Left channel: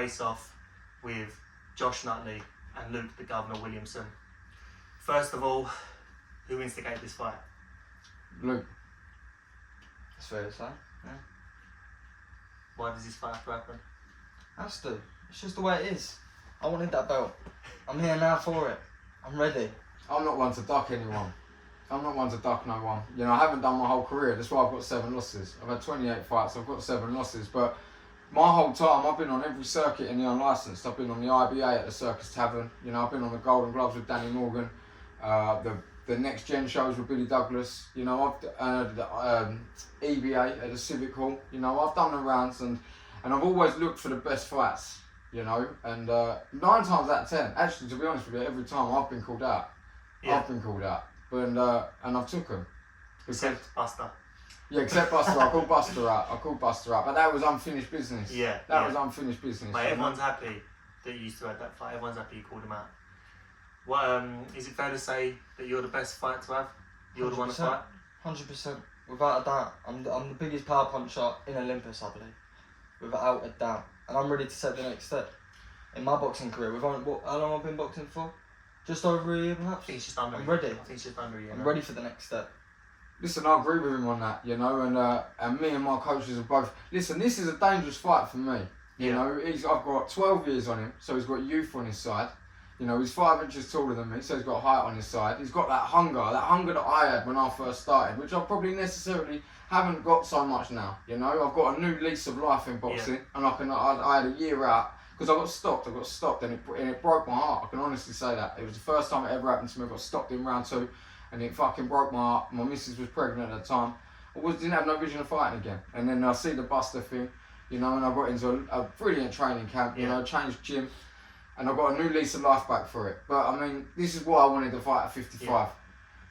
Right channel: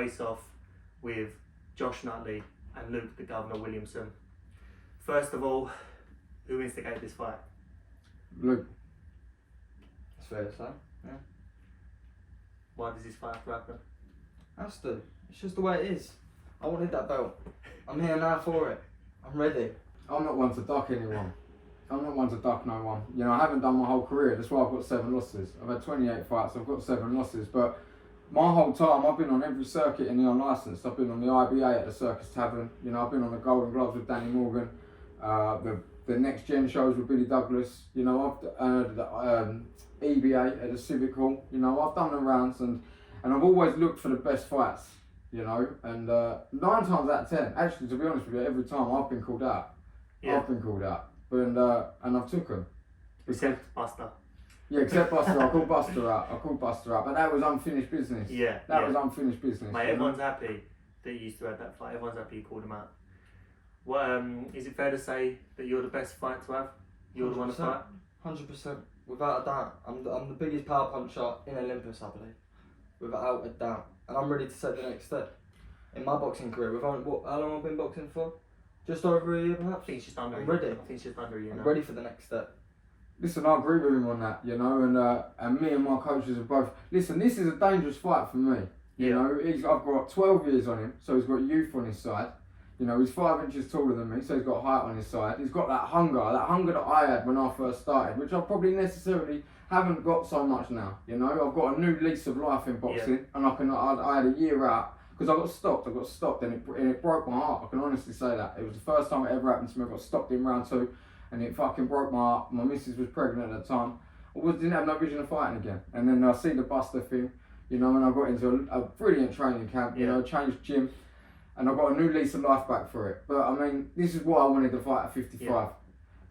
face off with Josh Nutley and Luke the Governor Williamson. First of all, who instigated this fight? Luke. That's fair to say. Yeah. Why does this fight have to happen? Has to. It's just the way it is. I wanted that belt. I'm here now for it. I'm ready. I'm not one to duck anyone. I'm not one to duck no one. You know, I haven't done my whole career. That's why I've got 7 losses. I've had 28 fights. I've got 7 losses. But my whole time, I've been on every circuit in the unlicensed. I've been on the IBA at the Circus Tavern. You know, I've been on the Golden Gloves with Danny Morgan. The Next Gen shows with Billy Douglas. You know, I've the EBA at the Civic Hall. You know, I've done the rounds and I've always looked for the best fights. You know, and 9 times out of 10, actually, to be honest with you, every time I've been called out. Yeah. I've been called out. And I've took them. Except Buster. Yeah, except Buster. I called Buster out. But that was unfinished business. Yeah. That was unfinished business. Mate, everyone's happy that you used to have that fight. Everyone's happy you called him out. Well, is it fair to say that you're the best fight to have? You're the one to fight? 100%. Without a doubt. I'm the biggest power puncher in Olympus, I believe. Without a doubt. And I'm ready to take the next step in my boxing career. How long have I been boxing for? Just over a year, perhaps? I think it's just under I'm a year. ready. I think it's just under a year. I'm ready for the next step. Listen, I agree with him on that, you know, and me and my coaches are both. Listen, this is a dangerous fight for me. You know, I've got 12 years on him, so he's got youth on his side. You know, he's 5 inches taller than me, so he's got height on his side. He's got that hunger that I had when I first started, which I probably necessarily haven't got so much now. You know, I've got a new lease of life in boxing, and I had a year out because I got stopped, and it broke my heart. I can honestly say that. It was the first time it ever happened to me. I got stopped in round 2, and it fucking broke my heart. My missus was pregnant at the time. Didn't have no vision of fighting again. And then I see the Buster thing, you know, and I got into a brilliant training camp, you know, changed gym. And I got a new lease of life back for it. But I mean, this is why I wanted to fight at 55.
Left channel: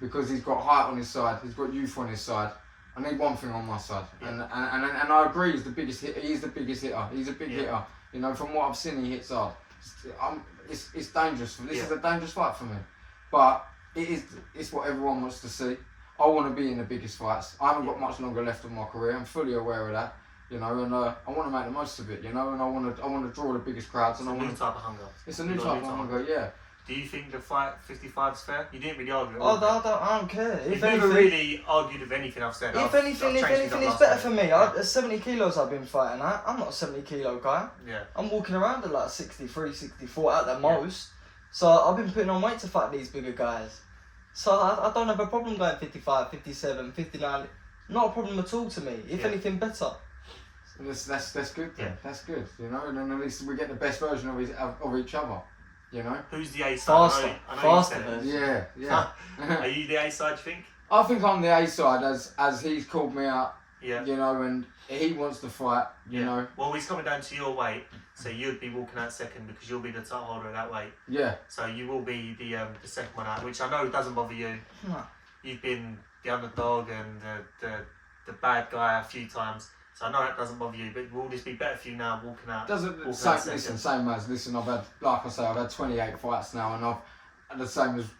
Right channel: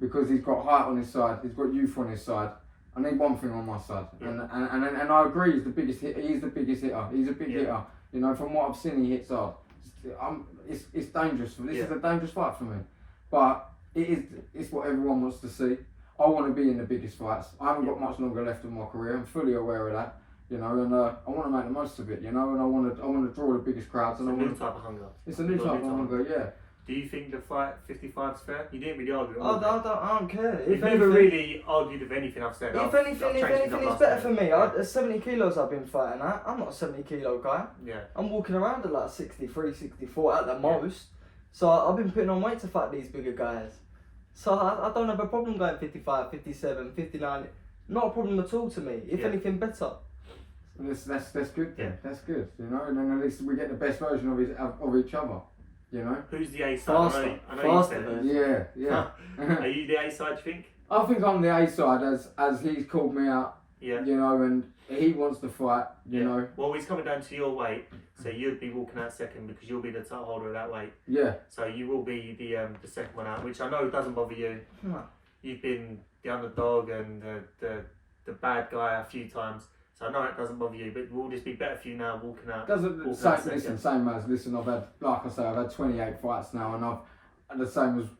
Because he's got height on his side, he's got youth on his side. I need one thing on my side. And I agree, he's the biggest hitter. He's the biggest hitter. He's a big hitter. You know, from what I've seen, he hits hard. It's dangerous. This is a dangerous fight for me. But it's what everyone wants to see. I want to be in the biggest fights. I haven't got much longer left of my career. I'm fully aware of that. You know, and I want to make the most of it. You know, and I want to draw the biggest crowds. And it's a new type of hunger. It's a new type of hunger. Yeah. Do you think the fight 55 is fair? You didn't really argue. I don't care. You've never really argued with anything I've said. If anything, it's better for me. 70 kilos I've been fighting at. I'm not a 70 kilo guy. Yeah. I'm walking around at like 63, 64 at the most. So I've been putting on weight to fight these bigger guys. So I don't have a problem going 55, 57, 59. Not a problem at all to me. If anything, better. That's good then. That's good. You know, and then at least we get the best version of each other. You know. Who's the A side? Faster. Yeah. Are you the A side? Do you think? I think I'm the A side as he's called me out. Yeah. You know, and he wants to fight. You know. Well, he's coming down to your weight, so you'd be walking out second because you'll be the title holder of that weight. Yeah. So you will be the second one out, which I know doesn't bother you. No. You've been the underdog and the bad guy a few times. So I know that doesn't bother you, but will this be better for you now walking out? Same as I've had, like I say, I've had 28 fights now, and I've had the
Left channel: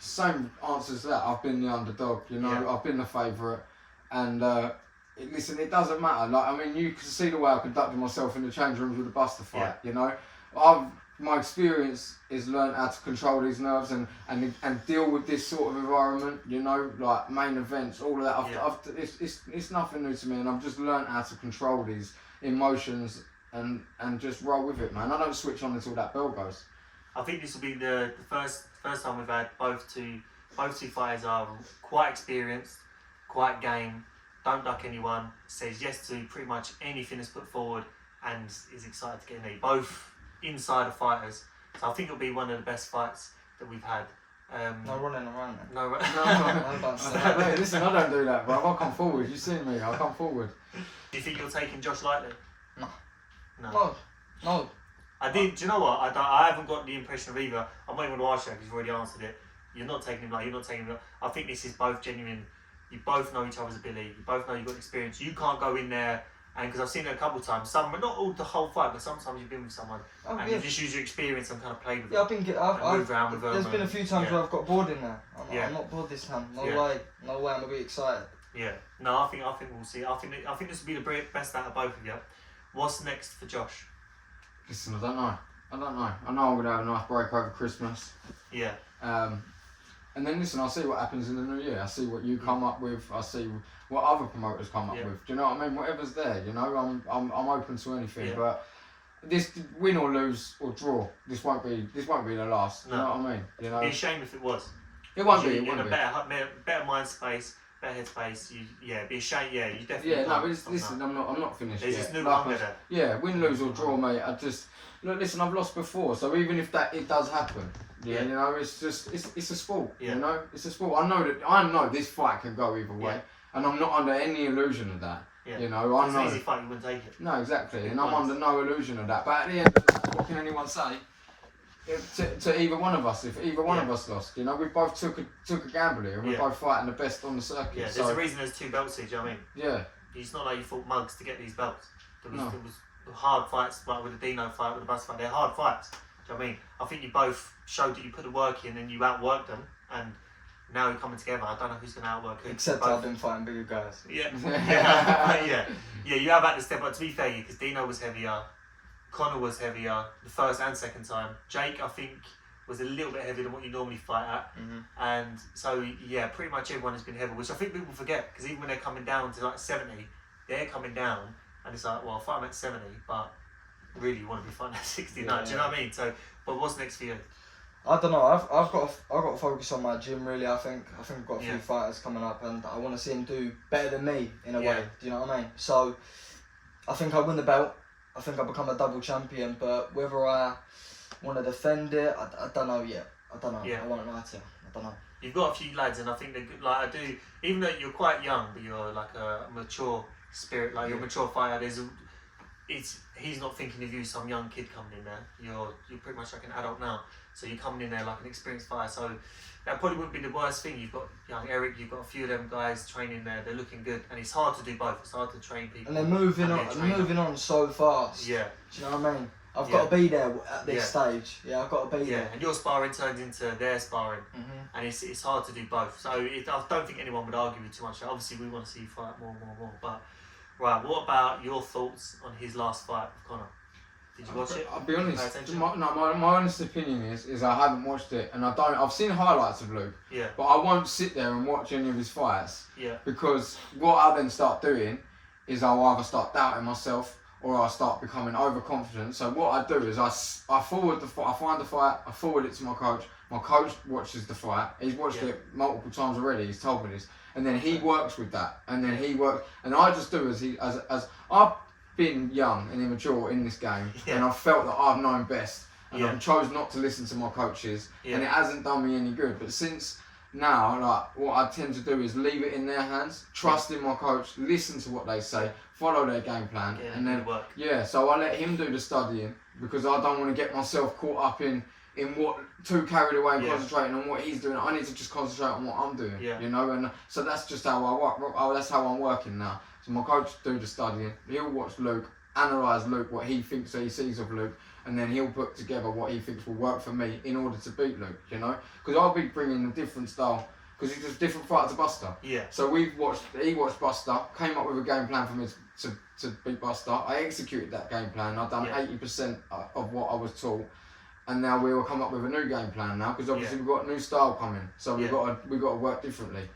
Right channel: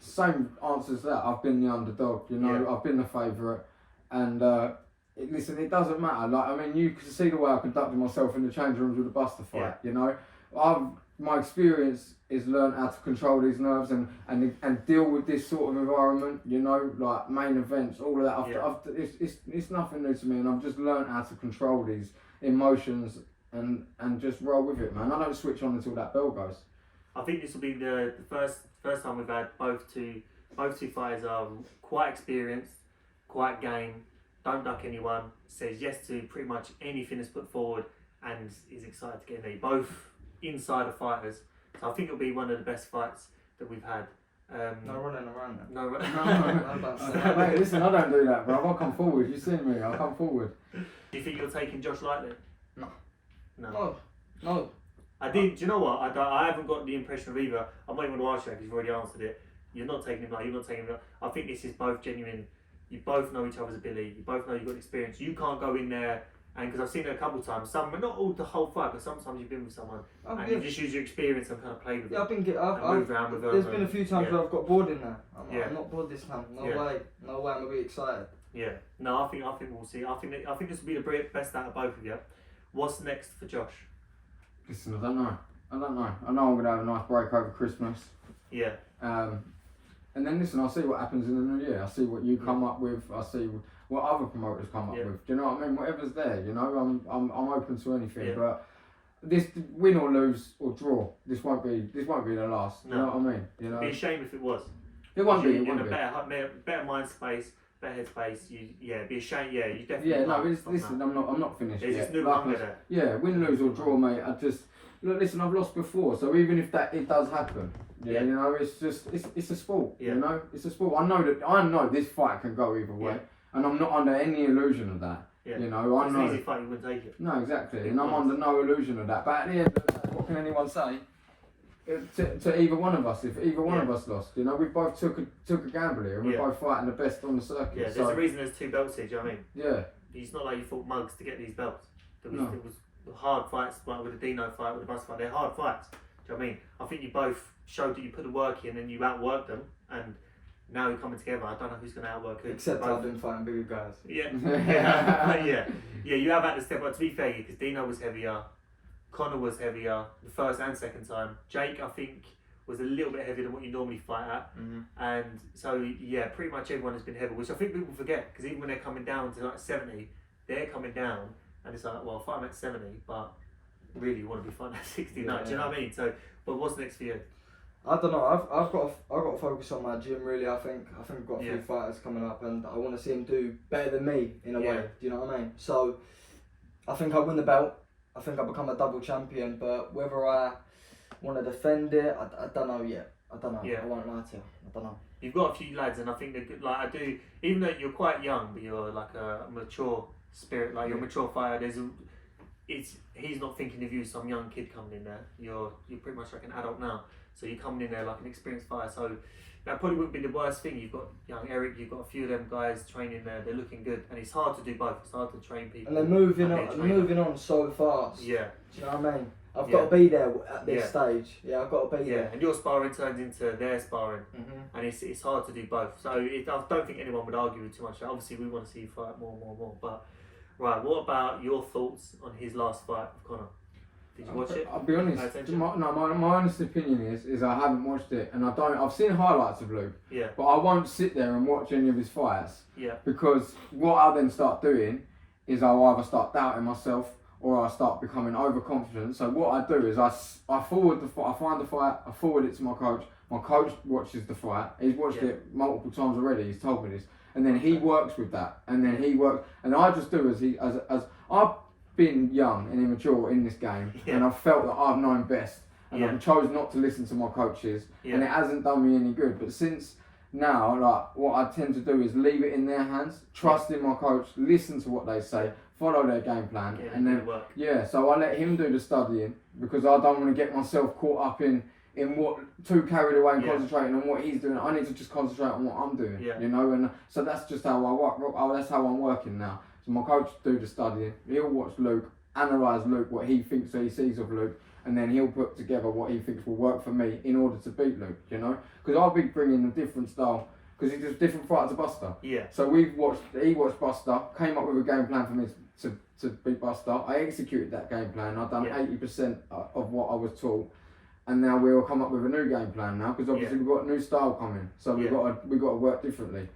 same answers that I've been the underdog. You know, I've been the favourite, and it doesn't matter. Like, I mean, you can see the way I conducted myself in the change rooms with the Buster fight. You know, my experience is learned how to control these nerves and deal with this sort of environment, you know, like main events, all of that. It's nothing new to me, and I've just learned how to control these emotions and just roll with it, man. I don't switch on until that bell goes. I think this will be the first time we've had both two fighters are quite experienced, quite game, don't duck anyone, says yes to pretty much anything that's put forward, and is excited to get in there. Both insider fighters, so I think it'll be one of the best fights that we've had. No running around then. No. Mate, listen, I don't do that, bro. I'll come forward. You've seen me. I'll come forward. Do you think you're taking Josh lightly? No. I did. Do you know what? I haven't got the impression of either. I'm not even going to ask you because you've already answered it. You're not taking him like. You're not taking him. I think this is both genuine. You both know each other's ability. You both know you've got experience. You can't go in there. And because I've seen it a couple of times, not all the whole fight, but sometimes you've been with someone and you just use your experience and kind of play with them. I've moved around with them. There's been a few times where I've got bored in there. I'm not bored this time. No way. I'm gonna be excited. Yeah. No, I think we'll see. I think this will be the best out of both of you. What's next for Josh? Listen, I don't know. I know I'm gonna have a nice break over Christmas. Yeah. And then listen, I'll see what happens in the new year. I see what you come up with. I see what other promoters come up with. Do you know what I mean? Whatever's there, you know, I'm open to anything. Yeah. But this win or lose or draw, this won't be the last. No. You know what I mean? You know, It'd be a shame if it was. it won't be. You're It in won't a be. better mind space, better head space. It'd be a shame. Yeah, you definitely. Yeah, no, can't but stop listen, now. I'm not finished There's yet. just new Like hunger I- there. Yeah, win, lose or draw, mate. Look, listen, I've lost before, so even if it does happen, Yeah. you know, it's a sport. Yeah. You know, it's a sport. I know this fight can go either way, and I'm not under any illusion of that. Yeah. You know, I It's know. an easy fight, you wouldn't take it. No, exactly, Big and I'm points. under no illusion of that. But at the end of the day, what can anyone say? To either one of us, if either one of us lost, you know, we both took a gamble here, and we're Yeah. both fighting the best on the circuit. Yeah, there's so, a reason there's 2 belts here. Do you know what I mean? yeah, It's not like you fought mugs to get these belts. There was, No. there was hard fights, like with the Dino fight, with the Bus fight. They're hard fights. Do you know what I mean? I think you both showed that you put the work in and you outworked them, and now you're coming together. I don't know who's going to outwork who. Except Both. I've been fighting bigger guys. Yeah, yeah. You have had to step up. To be fair, because Dino was heavier, Connor was heavier the first and second time. Jake, I think, was a little bit heavier than what you normally fight at, and so yeah, pretty much everyone has been heavy, which I think people forget because even when they're coming down to like 70, they're coming down, and it's like, well, I fight them at 70, but really you want to be fighting at 69. Do you know what I mean? So, but what's next for you? I don't know. I've got to focus on my gym really. I think I've got a few Yeah. fighters coming up, and I want to see them do better than me in a Yeah. way. Do you know what I mean? So I think I win the belt. I think I become a double champion. But whether I want to defend it, I don't know yet. I don't know. Yeah. I won't lie to you. I don't know. You've got a few lads, and I think they're good. Like I do, even though you're quite young, but you're like a mature spirit. Like you're a mature fighter. He's not thinking of you, some young kid coming in there. You're pretty much like an adult now. So you're coming in there like an experienced fighter. So that probably wouldn't be the worst thing. You've got young Eric. You've got a few of them guys training there. They're looking good, and it's hard to do both. It's hard to train people. And they're moving and on. they're training. Moving on so fast. Yeah. Do you know what I mean? I've Yeah. got to be there at this Yeah. stage. Yeah, I've got to be Yeah, there. and your sparring turns into their sparring, Mhm. and it's hard to do both. So I don't think anyone would argue with too much. Obviously, we want to see you fight more. But right, what about your thoughts on his last fight with Connor? Did you watch it? I'll be honest. Pay attention? My honest opinion is I haven't watched it, and I've seen highlights of Luke, Yeah, but I won't sit there and watch any of his fights yeah, because what I then start doing is I'll either start doubting myself or I start becoming overconfident. So what I do is I forward the fight, I find the fight, I forward it to my coach. My coach watches the fight. He's watched Yeah. it multiple times already. He's told me this, and then he works with that, and then he works, and I just do as I've been young and immature in this game, Yeah. and I've felt that I've known best, and Yeah. I've chosen not to listen to my coaches, Yeah. and it hasn't done me any good. But since now, like what I tend to do is leave it in their hands, trust in my coach, listen to what they say, follow their game plan, yeah. and then good work. yeah, so I let him do the studying because I don't want to get myself caught up in what too carried away and Yeah. concentrating on what he's doing. I need to just concentrate on what I'm doing, Yeah. you know. And so that's just how I work. That's how I'm working now. So my coach do the studying. He'll watch Luke, analyse Luke, what he thinks he sees of Luke, and then he'll put together what he thinks will work for me in order to beat Luke. You know, because I'll be bringing a different style because he's just different fighter to Buster. Yeah, So he watched Buster, came up with a game plan for me to beat Buster. I executed that game plan. I've done Yeah. 80% of what I was taught, and now we'll come up with a new game plan now because obviously Yeah. we've got a new style coming. So we've Yeah. got to work differently.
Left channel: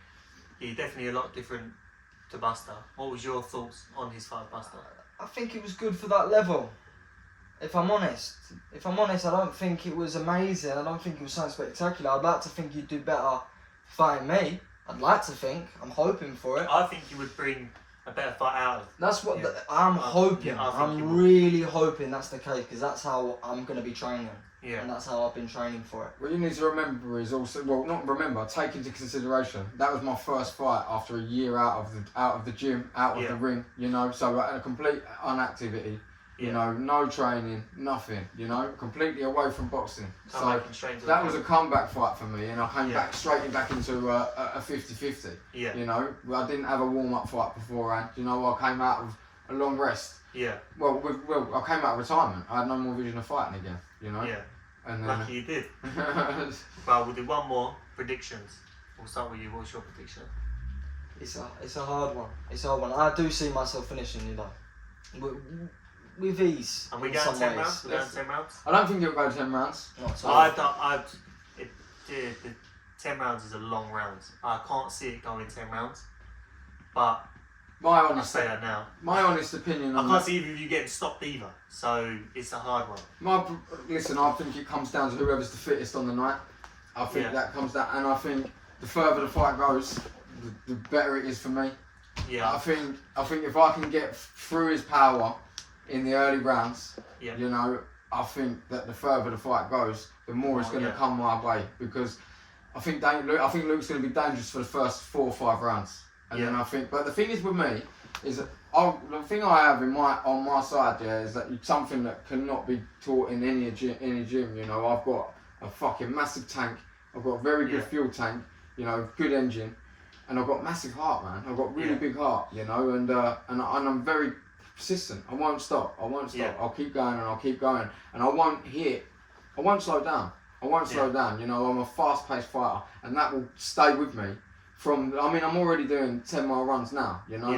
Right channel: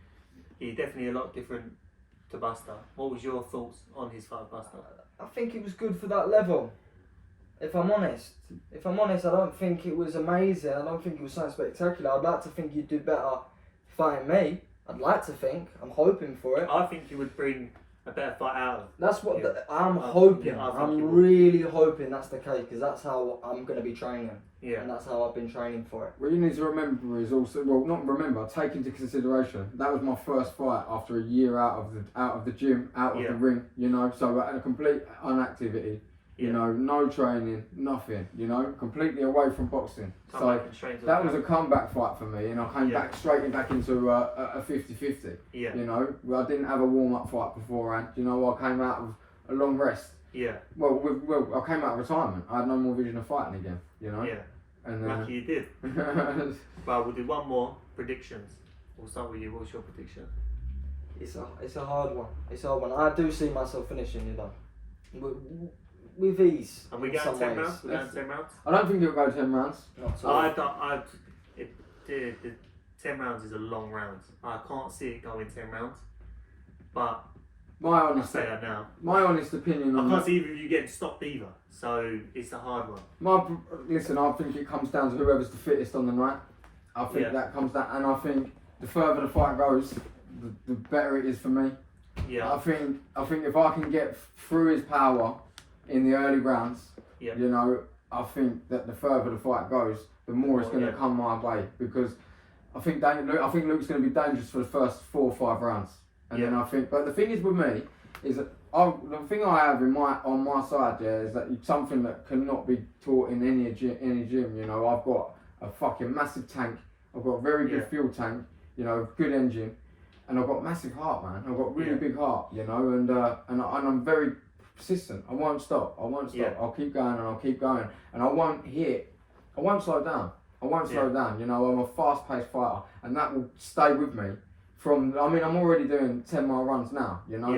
he's definitely a lot different to Buster. What was your thoughts on his fight with Buster? I think it was good for that level. If I'm honest, I don't think it was amazing. I don't think it was something spectacular. I'd like to think you'd do better fighting me. I'd like to think. I'm hoping for it. I think he would bring a better fight out of. That's what Yeah. I'm hoping. yeah, I think you I'm will. really hoping that's the case because that's how I'm going to be training, Yeah, and that's how I've been training for it. What you need to remember is also, well, not remember, take into consideration that was my first fight after a year out of the gym, out of Yeah. the ring. You know, so at a complete inactivity. You Yeah. know, no training, nothing. You know, completely away from boxing. come So back and straight to that the was a comeback fight for me, and I came Yeah. back straight back into a 50-50. yeah, You know, I didn't have a warm-up fight beforehand. You know, I came out of a long rest. yeah, Well, I came out of retirement. I had no more vision of fighting again. You know, yeah. and Lucky you did. Well, we'll do one more predictions. We'll start with you. What's your prediction? It's a hard one. It's a hard one. I do see myself finishing, you know. with ease. And we in go some 10 ways. rounds. We go 10 rounds. I don't think it'll go 10 rounds. Not I at all. don't. The 10 rounds is a long round. I can't see it going 10 rounds. But My I'll honest, say that now. my honest opinion I on can't that. see either of you getting stopped either. So it's a hard one. Listen, I think it comes down to whoever's the fittest on the night. I think Yeah. that comes down, and I think the further the fight goes, the better it is for me. Yeah. I think if I can get through his power in the early rounds, Yeah. you know, I think that the further the fight goes, the more it's going to Yeah. come my way, because I think Luke's going to be dangerous for the first 4 or 5 rounds, and then Yeah. I think. But the thing is with me is that the thing I have on my side, yeah, is that it's something that cannot be taught in any gym. You know, I've got a fucking massive tank. I've got a very good Yeah. fuel tank. You know, good engine, and I've got massive heart, man. I've got really Yeah. big heart. You know, and I'm very persistent. I won't stop. Yeah. I'll keep going and I'll keep going, and I won't slow down. I won't slow down. You know, I'm a fast-paced fighter, and that will stay with me. I'm already doing 10-mile runs now, you know,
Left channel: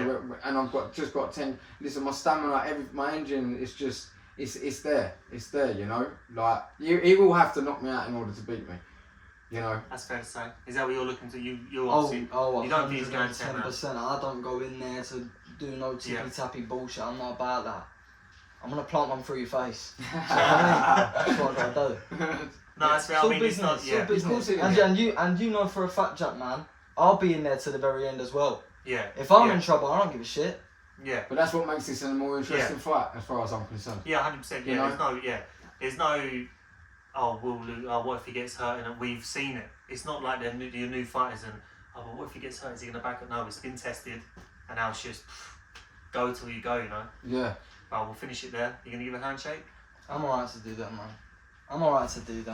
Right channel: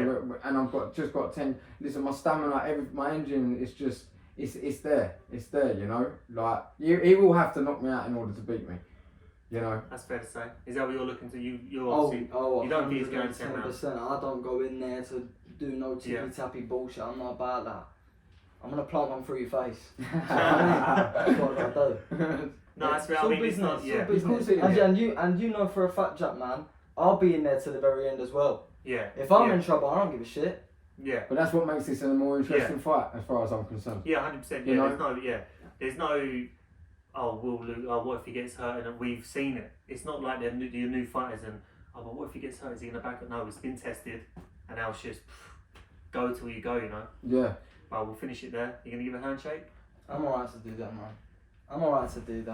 and I've just got 10. Listen, my stamina, my engine is just, it's there, you know. Like he will have to knock me out in order to beat me, you know. That's fair to say. Is that what you're looking to? You're Oh, obviously. You don't think he's going 10 rounds? 110%. I don't go in there to do no tippy-tappy bullshit. I'm not about that. I'm gonna plant one through your face. That's what I'm gonna do. No, that's fair. It's I all mean, it's business. not. It's Yeah. all business. it is. And you know for a fact, Jack, man, I'll be in there to the very end as well. Yeah. If I'm yeah. in trouble, I don't give a shit. Yeah. But that's what makes this a more interesting fight, as far as I'm concerned. Yeah, 100%. You Yeah, know? there's no. Oh, what if he gets hurt? And we've seen it. It's not like your new fighters and but what if he gets hurt? Is he gonna back it? No, it's been tested, and now it's just go till you go. You know. Yeah. But we'll finish it there. You gonna give a handshake? I'm alright to do that, man. I'm alright to do that.